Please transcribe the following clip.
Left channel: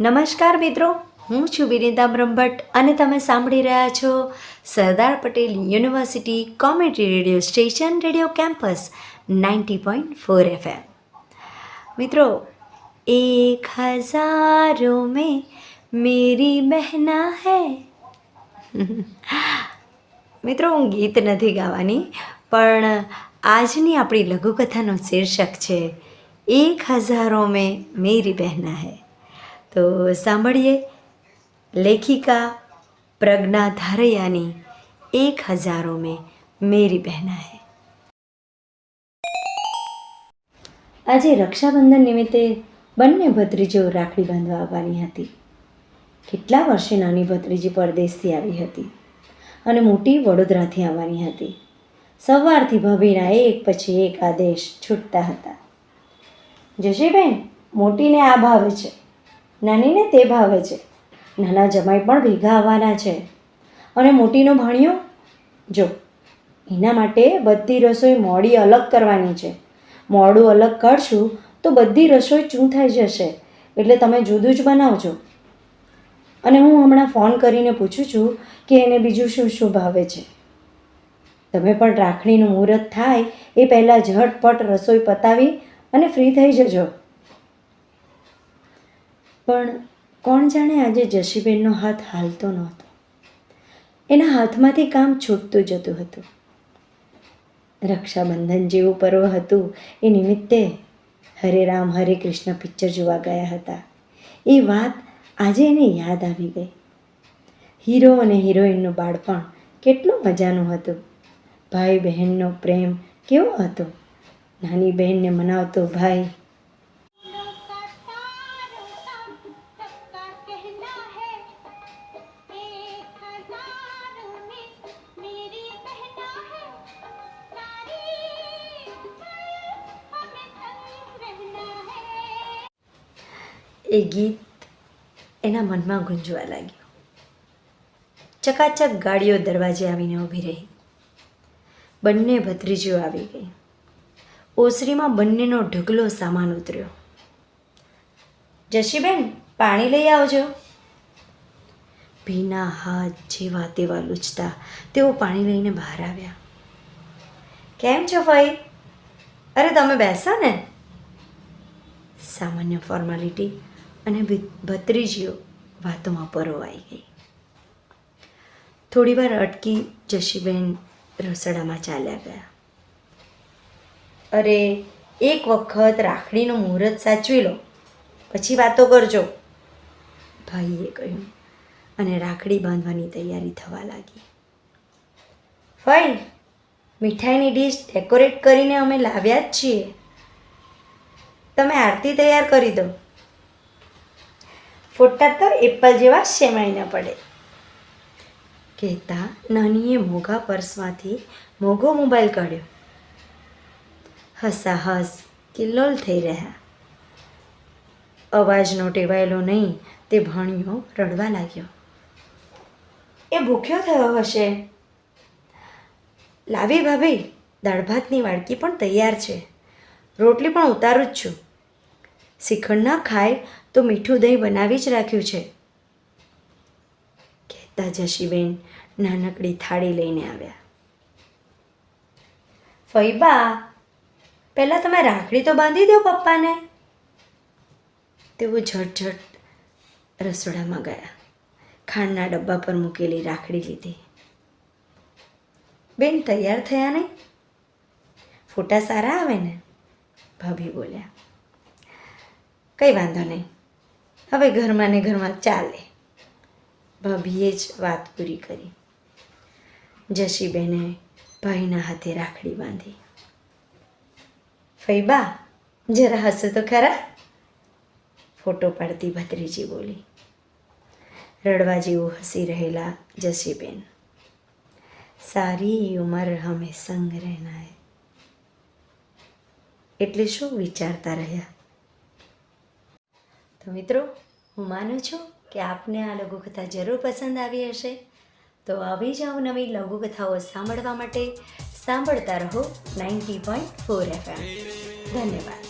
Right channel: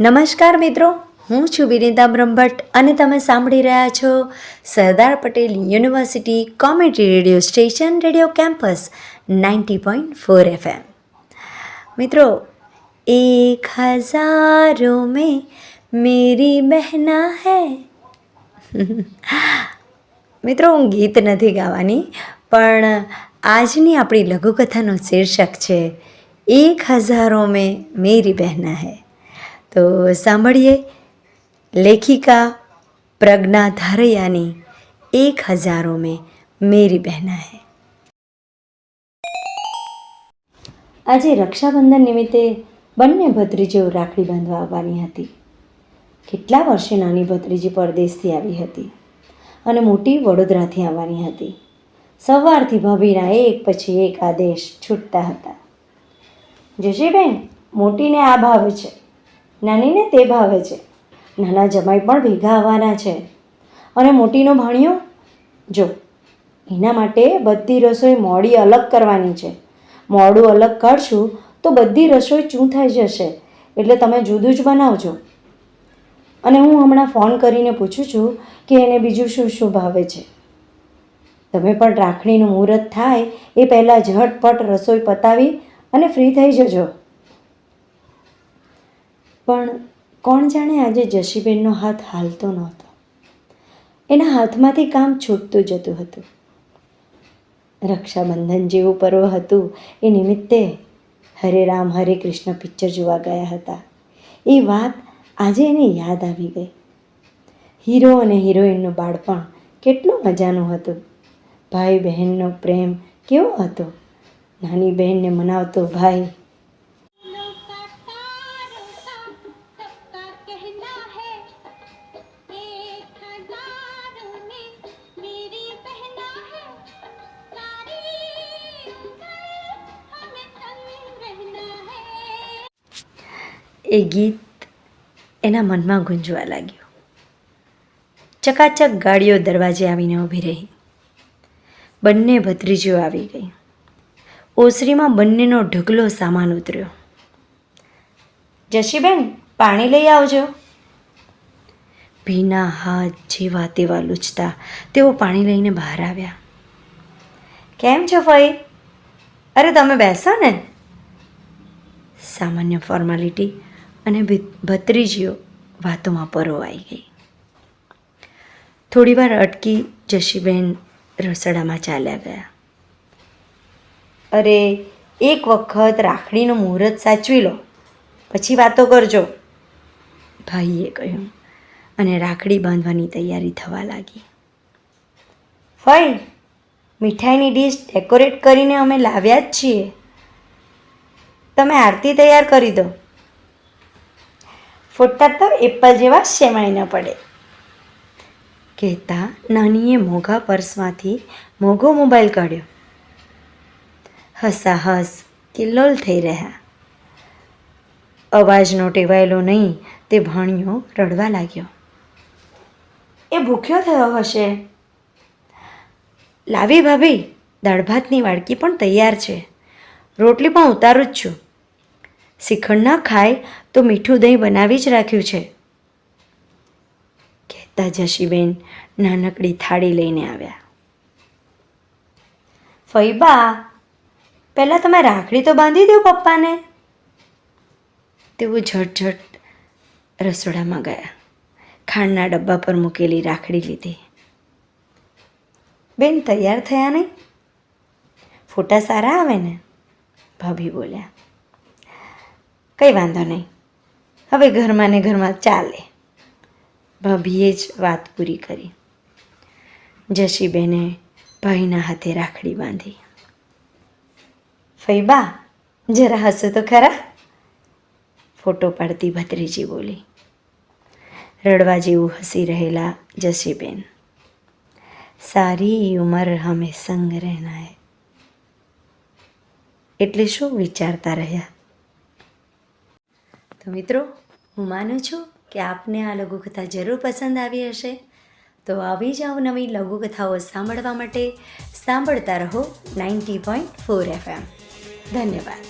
નમસ્કાર મિત્રો, હું છું વિનીતા બ્રહ્મભટ્ટ અને તમે સાંભળી રહ્યા છો Sardar Patel university comedy radio station radio campus 90.4 FM। મિત્રો, એક હજારો મેં મેરી બહેના હૈ। મિત્રો, હું ગીત નથી ગાવાની, પણ આજની આપણી લઘુકથાનો શીર્ષક છે એક હજારો મેં મેરી બહેના હૈ। તો સાંભળીએ લેખિકા પ્રજ્ઞા ધારૈયાની એક હજારો મેં મેરી બહેના હૈ। આજે રક્ષાબંધન નિમિત્તે બંને ભત્રીજીઓ રાખડી બાંધવા આવવાની હતી। કેટલા વર્ષે નાની ભત્રીજી પરદેશથી આવી હતી અને મોટી વડોદરાથી આવવાની હતી। સવારથી ભાભીના એક પછી એક આદેશ છૂટતા હતા। જશીબેન, મોટીને આ ભાવે છે, નાનીને તે ભાવે છે, નાના જમાઈ પણ ભેગા આવવાના છે, અને મોટીનો ભાણિયો જો એના માટે બધી રસોઈ મોડી અલગ કરવાની છે। મોડું અલગ કાઢશું તો બધી રસોઈ ચૂંથાઈ જશે, એટલે તમે જુદું જ બનાવજો। અને હું હમણાં ફોન કરીને પૂછું છું કે એને બીજું શું શું ભાવે છે। તમે પણ રાખડીનું મુહૂર્ત થાય એ પહેલાં ઝટપટ રસોઈ પતાવી અને ફ્રી થઈ જજો। પણ કોણ જાણે આજે જશીબેનનો હાથ હાલતો નહોતો। એના હાથમાંથી કામ છૂટતું જતું હતું। રક્ષાબંધન જેવું પર્વ હતું એ નિમિત્તે હરે રામ હરે કૃષ્ણ પિક્ચર જોવા ગયા હતા। એ વાત આજે એને યાદ આવી ગઈ। હીરો અને હિરોઈનનું બાળપણ કેટલું મજાનું હતું। ભાઈ બહેનનો પ્રેમ કેવો હતો। નાની બહેનને મનાવતો ભાઈ, એ ગીત એના મનમાં ગુંજવા લાગ્યું। ચકાચક ગાડીઓ દરવાજે આવીને ઊભી રહી। બંને ભત્રીજીઓ આવી ગઈ। ઓસરીમાં બંનેનો ઢગલો સામાન ઉતર્યો। જશીબેન, પાણી લઈ આવજો। ભીના હાથ જેવા તેવા લૂછતા તેઓ પાણી લઈને બહાર આવ્યા। કેમ છો ફઈ? અરે તમે બેસો ને। સામાન્ય ફોર્માલિટી અને ભત્રીજીઓ વાતોમાં પરોવાઈ ગઈ। થોડીવાર અટકી જશીબેન રસોડામાં ચાલ્યા ગયા। અરે, એક વખત રાખડીનું મુહૂર્ત સાચવી લો, પછી વાતો કરજો, ભાઈએ કહ્યું અને રાખડી બાંધવાની તૈયારી થવા લાગી। ફઈ, મીઠાઈની ડીશ ડેકોરેટ કરીને અમે લાવ્યા જ છીએ, તમે આરતી તૈયાર કરી દો। ફોટા તો એપલ જેવા શેમાઈ ન પડે, કહેતા નાનીએ મોંઘા પર્સમાંથી મોંઘો મોબાઈલ કાઢ્યો। હસાહસ કિલ્લોલ થઈ રહ્યા। અવાજનો ટેવાયેલો નહીં તે ભાણિયો રડવા લાગ્યો। એ ભૂખ્યો થયો હશે। લાવી ભાભી, દાળ ભાતની વાડકી પણ તૈયાર છે, રોટલી પણ ઉતારું જ છું। શ્રીખંડ ના ખાય તો મીઠું દહીં બનાવી જ રાખ્યું છે, કહેતા જશીબેન નાનકડી થાળી લઈને આવ્યા। ફઈબા, પહેલાં તમે રાખડી તો બાંધી દો પપ્પાને। તેઓ ઝટઝટ રસોડામાં ગયા। ખાંડના ડબ્બા પર મૂકેલી રાખડી લીધી। બેન, તૈયાર થયા નહીં? ફોટા સારા આવે ને? ભાભી બોલ્યા। કંઈ વાંધો નહીં, હવે ઘરમાં ને ઘરમાં ચાલે, ભાભીએ જ વાત પૂરી કરી। જશીબેને ભાઈના હાથે રાખડી બાંધી। ફઈબા, જરા હસો તો ખરા, ફોટો પાડતી ભત્રીજી બોલી। રડવા જેવું હસી રહેલા જશીબેન, સારી ઉંમર હમે સંગ રહેના હૈ, એટલે શું વિચારતા રહ્યા? તો મિત્રો, હું માનું છું કે આપને આ લઘુકથા જરૂર પસંદ આવી હશે। તો આવી જ નવી લઘુકથાઓ સાંભળવા માટે સાંભળતા રહો 90.4 FM। ધન્યવાદ।